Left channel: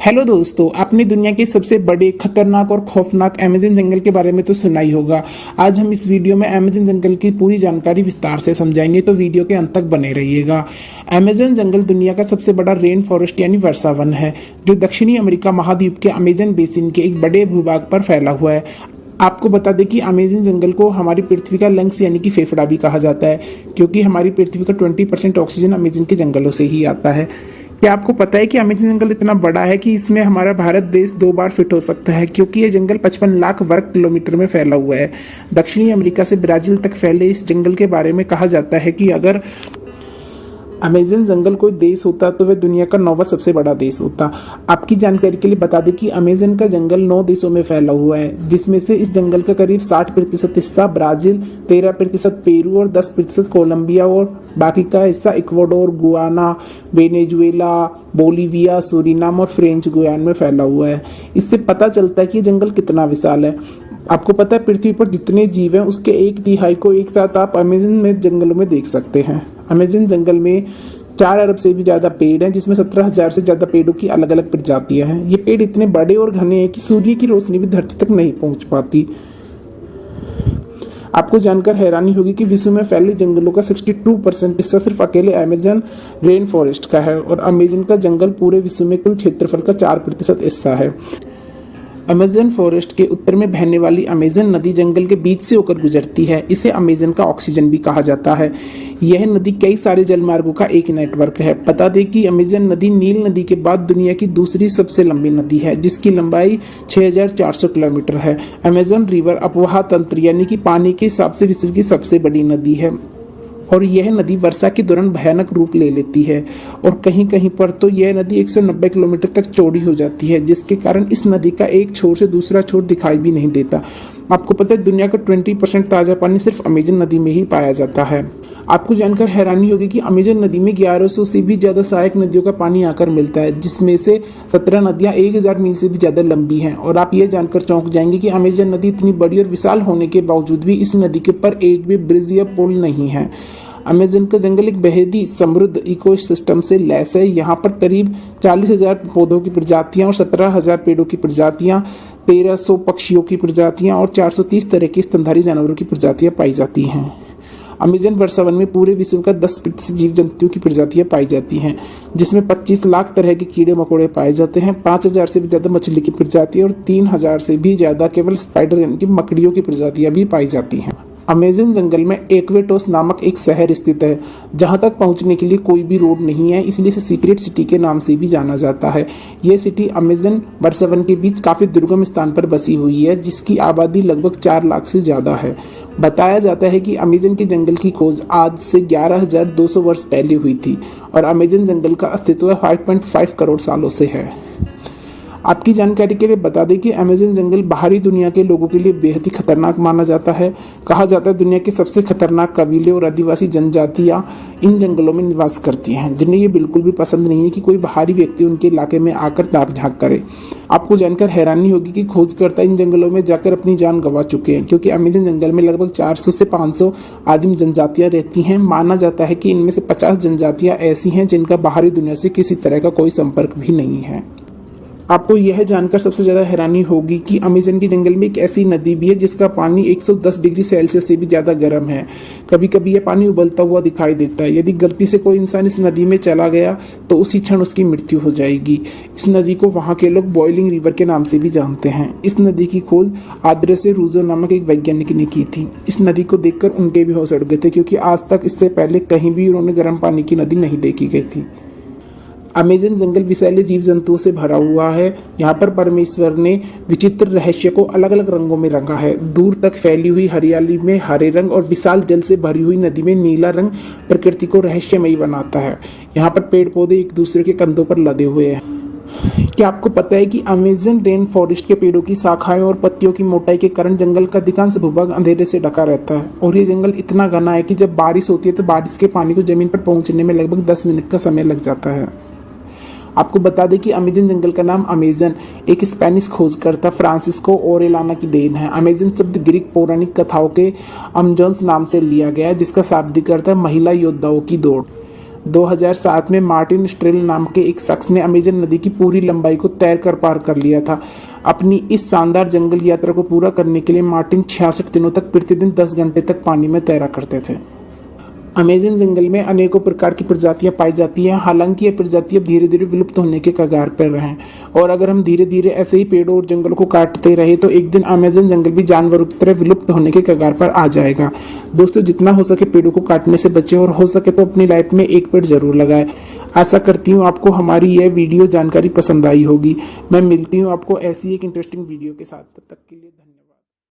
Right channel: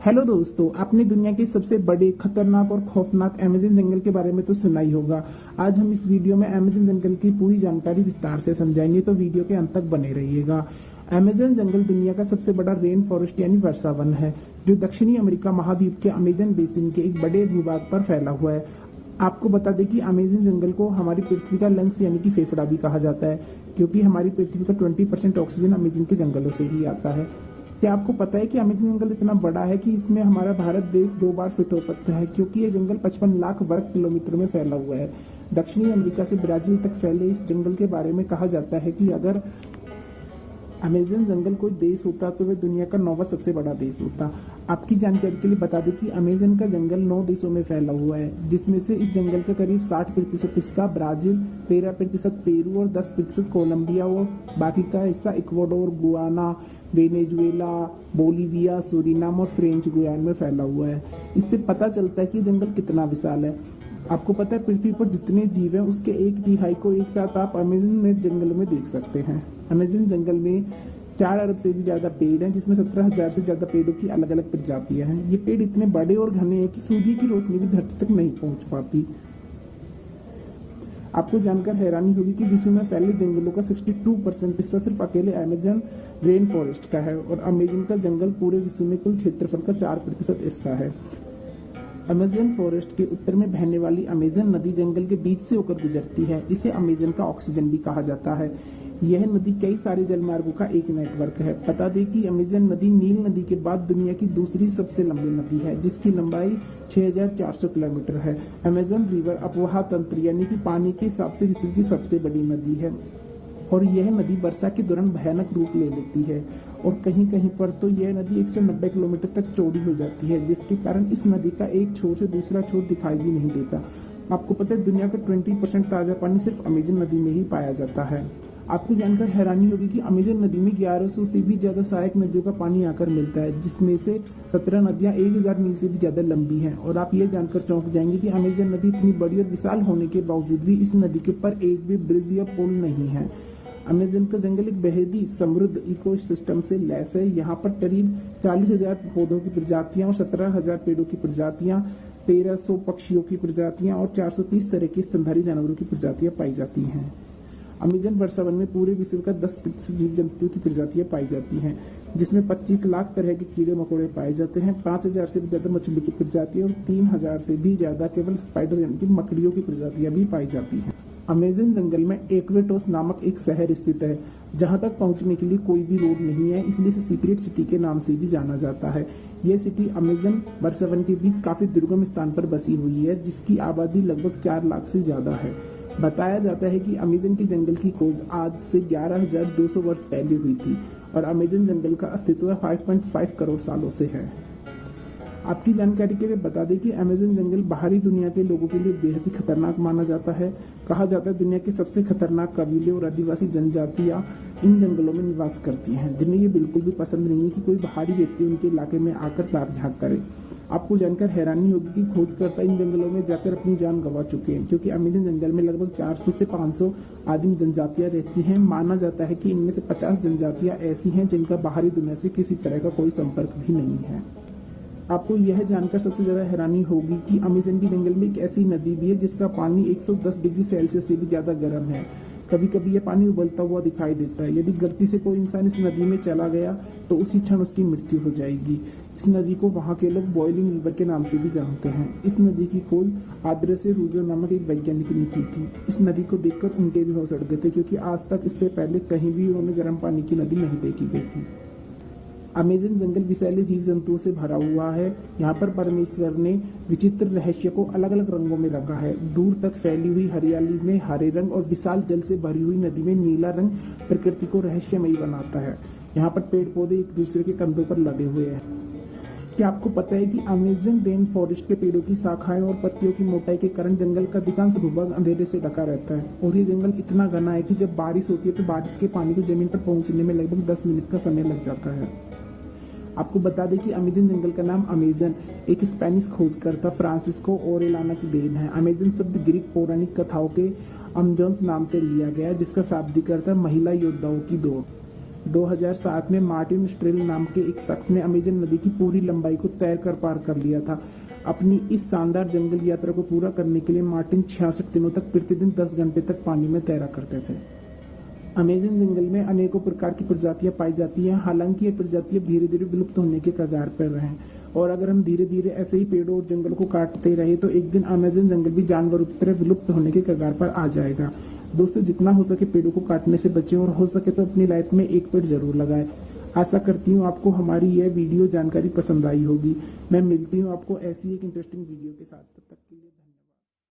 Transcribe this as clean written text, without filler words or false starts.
Hello दोस्तों, आपने दुनिया के सबसे बड़े, खतरनाक और खौफनाक अमेज़न जंगल के बारे में तो सुना ही होगा। आज हम इस वीडियो में अमेज़न जंगल की पूरी जानकारी विस्तार से समझाएंगे, तो वीडियो के अंत तक बने रहिएगा। अमेज़न जंगल दुनिया का सबसे बड़ा रेन फॉरेस्ट यानी वर्षा वन है, जो दक्षिणी अमेरिका महाद्वीप के अमेज़न बेसिन के एक बड़े भूभाग पर फैला हुआ है। आपको बता दें कि अमेज़न जंगल को हमारी पृथ्वी का लंग्स यानी कि फेफड़ा भी कहा जाता है, क्योंकि हमारी पृथ्वी का 20% ऑक्सीजन अमेज़न के जंगलों से ही आता है। क्या आपको पता है कि अमेज़न जंगल इतना बड़ा है कि इसमें हमारा भारत देश 2 बार फिट हो सकता है, क्योंकि ये जंगल 55 लाख वर्ग किलोमीटर में फैला हुआ है। दक्षिणी अमेरिका से ब्राज़ील तक फैले इस जंगल के बारे में कहा जाता है कि अगर अमेज़न जंगल कोई देश होता तो वह दुनिया का 9वां सबसे बड़ा देश होता। आपकी जानकारी के लिए बता दें कि अमेज़न का जंगल 9 देशों में फैला हुआ है, जिसमें से इस जंगल का करीब 60% हिस्सा ब्राज़ील, 13% पेरू और 10% कोलंबिया और बाकी का हिस्सा Ecuador, Guyana, Venezuela, Bolivia, Suriname और फ्रेंच गुयाना में फैला हुआ है। इससे पता चलता है कि जंगल कितना विशाल है। आपको पता है पृथ्वी पर जितने जीव हैं उसके 1/3 को एक साथ आप अमेज़न में जंगलों में देख सकते हैं। अमेज़न जंगल में 4 अरब से भी ज़्यादा पेड़ हैं, जिसमें 17,000 से ज़्यादा पेड़ों की अलग अलग प्रजातियां हैं। ये पेड़ इतने बड़े और घने हैं कि सूर्य की रोशनी भी धरती तक नहीं पहुंच पाती। आपको जानकर हैरानी होगी कि विश्व में फैले जंगलों का 62% हिस्सा सिर्फ अकेले अमेज़न रेन फॉरेस्ट का है, और अमेज़न का जंगल पूरे विश्व में कुल क्षेत्रफल का 4% हिस्सा है। अमेज़न फॉरेस्ट के उत्तर में बहने वाली अमेज़न नदी जंगल के बीच से होकर गुजरती है। इसे अमेज़न का ऑक्सीजन भी कहा जाता है। यह नदी कई सारे जलमार्गों का एक नेटवर्क है। बता दें कि अमेज़न नदी नील नदी के बाद दुनिया की दूसरी सबसे लंबी नदी है, जिसकी लंबाई 6,400 किलोमीटर है। अमेज़न रिवर अपवाह तंत्र यानी कि पानी के हिसाब से विश्व की सबसे बड़ी नदी है, और यह नदी वर्षा के दौरान भयानक रूप ले लेती है, और कहीं कहीं पर तो यह नदी 190 किलोमीटर तक चौड़ी हो जाती है, जिसके कारण इस नदी का एक छोर से दूसरा छोर दिखाई भी नहीं देता। आपको पता है दुनिया का 20% ताज़ा पानी सिर्फ अमेज़न नदी में ही पाया जाता है। आपको जानकर हैरानी होगी कि अमेज़न नदी में 1100 से भी ज़्यादा सहायक नदियों का पानी आकर मिलता है, जिसमें से 17 नदियाँ 1000 मील से भी ज़्यादा लंबी हैं। और आप ये जानकर चौंक जाएंगे कि अमेज़न नदी इतनी बड़ी और विशाल होने के बावजूद भी इस नदी के ऊपर एक भी ब्रिज या पुल नहीं है। अमेज़न का जंगल एक बेहद ही समृद्ध इकोसिस्टम से लैस है। यहाँ पर करीब 40,000 पौधों की प्रजातियाँ और 17,000 पेड़ों की प्रजातियाँ, 1300 पक्षियों की प्रजातियाँ और 430 तरह की स्तनधारी जानवरों की प्रजातियाँ पाई जाती हैं। अमेज़न वर्षा वन में पूरे विश्व का 10% जीव जंतुओं की प्रजातियां पाई जाती हैं, जिसमें 25 लाख तरह के कीड़े मकोड़े पाए जाते हैं, 5,000 से भी ज़्यादा मछली की प्रजातियां और 3,000 से भी ज़्यादा केवल स्पाइडर यानी कि मकड़ियों की प्रजातियां भी पाई जाती हैं। अमेज़न जंगल में एक्वेटोस नामक एक शहर स्थित है, जहां तक पहुंचने के लिए कोई भी रोड नहीं है, इसलिए इसे सीक्रेट सिटी के नाम से भी जाना जाता है। यह सिटी अमेज़न वर्षा वन के बीच काफ़ी दुर्गम स्थान पर बसी हुई है, जिसकी आबादी लगभग 4 लाख से ज़्यादा है। बताया जाता है कि अमेज़न के जंगल की खोज आज से 11,200 वर्ष पहले हुई थी, और अमेज़न जंगल का अस्तित्व 5.5 करोड़ सालों से है। आपकी जानकारी के लिए बता दें कि अमेज़न जंगल बाहरी दुनिया के लोगों के लिए बेहद ही खतरनाक माना जाता है। कहा जाता है दुनिया के सबसे खतरनाक कबीले और आदिवासी जनजातियां इन जंगलों में निवास करती हैं, जिन्हें ये बिल्कुल भी पसंद नहीं है कि कोई बाहरी व्यक्ति उनके इलाके में आकर ताक झांक करे। आपको जानकर हैरानी होगी कि खोजकर्ता इन जंगलों में जाकर अपनी जान गंवा चुके हैं, क्योंकि अमेज़न जंगल में लगभग 400 से 500 आदिम जनजातियां रहती हैं। माना जाता है कि इनमें से 50 जनजातियां ऐसी हैं जिनका बाहरी दुनिया से किसी तरह का कोई संपर्क भी नहीं है। आपको यह जानकर सबसे ज़्यादा हैरानी होगी कि अमेज़न के जंगल में एक ऐसी नदी भी है जिसका पानी 110 डिग्री सेल्सियस से भी ज़्यादा गर्म है। कभी कभी यह पानी उबलता हुआ दिखाई देता है। यदि गलती से कोई इंसान इस नदी में चला गया तो उसी क्षण उसकी मृत्यु हो जाएगी। इस नदी को वहाँ के लोग बॉइलिंग रिवर के नाम से भी जानते हैं। इस नदी की खोज आद्रेसे रूजो नामक एक वैज्ञानिक ने की थी। इस नदी को देखकर उनके भी होश उड़ गए थे, क्योंकि आज तक इससे पहले कहीं भी उन्होंने गर्म पानी की नदी नहीं देखी गई थी। अमेज़न जंगल विषैले जीव जंतुओं से भरा हुआ है। यहाँ पर परमेश्वर ने विचित्र रहस्य को अलग अलग रंगों में रंगा है। दूर तक फैली हुई हरियाली में हरे रंग और विशाल जल से भरी हुई नदी में नीला रंग प्रकृति को रहस्यमयी बनाता है। यहाँ पर पेड़ पौधे एक दूसरे के कंधों पर लदे हुए हैं। क्या आपको पता है कि अमेज़न रेन फॉरेस्ट के पेड़ों की शाखाएं और पत्तियों की मोटाई के कारण जंगल का अधिकांश भूभाग अंधेरे से ढका रहता है, और ये जंगल इतना घना है कि जब बारिश होती है तो बारिश के पानी को जमीन पर पहुंचने में लगभग 10 मिनट का समय लग जाता है। आपको बता दें कि अमेज़न जंगल का नाम अमेज़न एक स्पेनिश खोजकर्ता फ्रांसिस्को ओरेलाना की देन है। अमेज़न शब्द ग्रीक पौराणिक कथाओं के अमेज़न्स नाम से लिया गया है, जिसका शाब्दिक अर्थ है महिला योद्धाओं की दौड़। 2007 में मार्टिन स्ट्रेल नाम के एक शख्स ने अमेजन नदी की पूरी लंबाई को तैर कर पार कर लिया था। अपनी इस शानदार जंगल यात्रा को पूरा करने के लिए मार्टिन 66 दिनों तक प्रतिदिन 10 घंटे तक पानी में तैरा करते थे। अमेजन जंगल में अनेकों प्रकार की प्रजातियां पाई जाती हैं। हालांकि ये प्रजातियां धीरे धीरे विलुप्त होने के कगार पर हैं और अगर हम धीरे धीरे ऐसे ही पेड़ों और जंगलों को काटते रहे तो एक दिन अमेजन जंगल भी जानवरों की तरह विलुप्त होने के कगार पर आ जाएगा। दोस्तों, जितना हो सके पेड़ों को काटने से बचें और हो सके तो अपनी लाइफ में एक पेड़ जरूर लगाएं। आशा करती हूँ आपको हमारी यह वीडियो जानकारी पसंद आई होगी। मैं मिलती हूँ आपको ऐसी एक इंटरेस्टिंग वीडियो के साथ। तब तक के लिए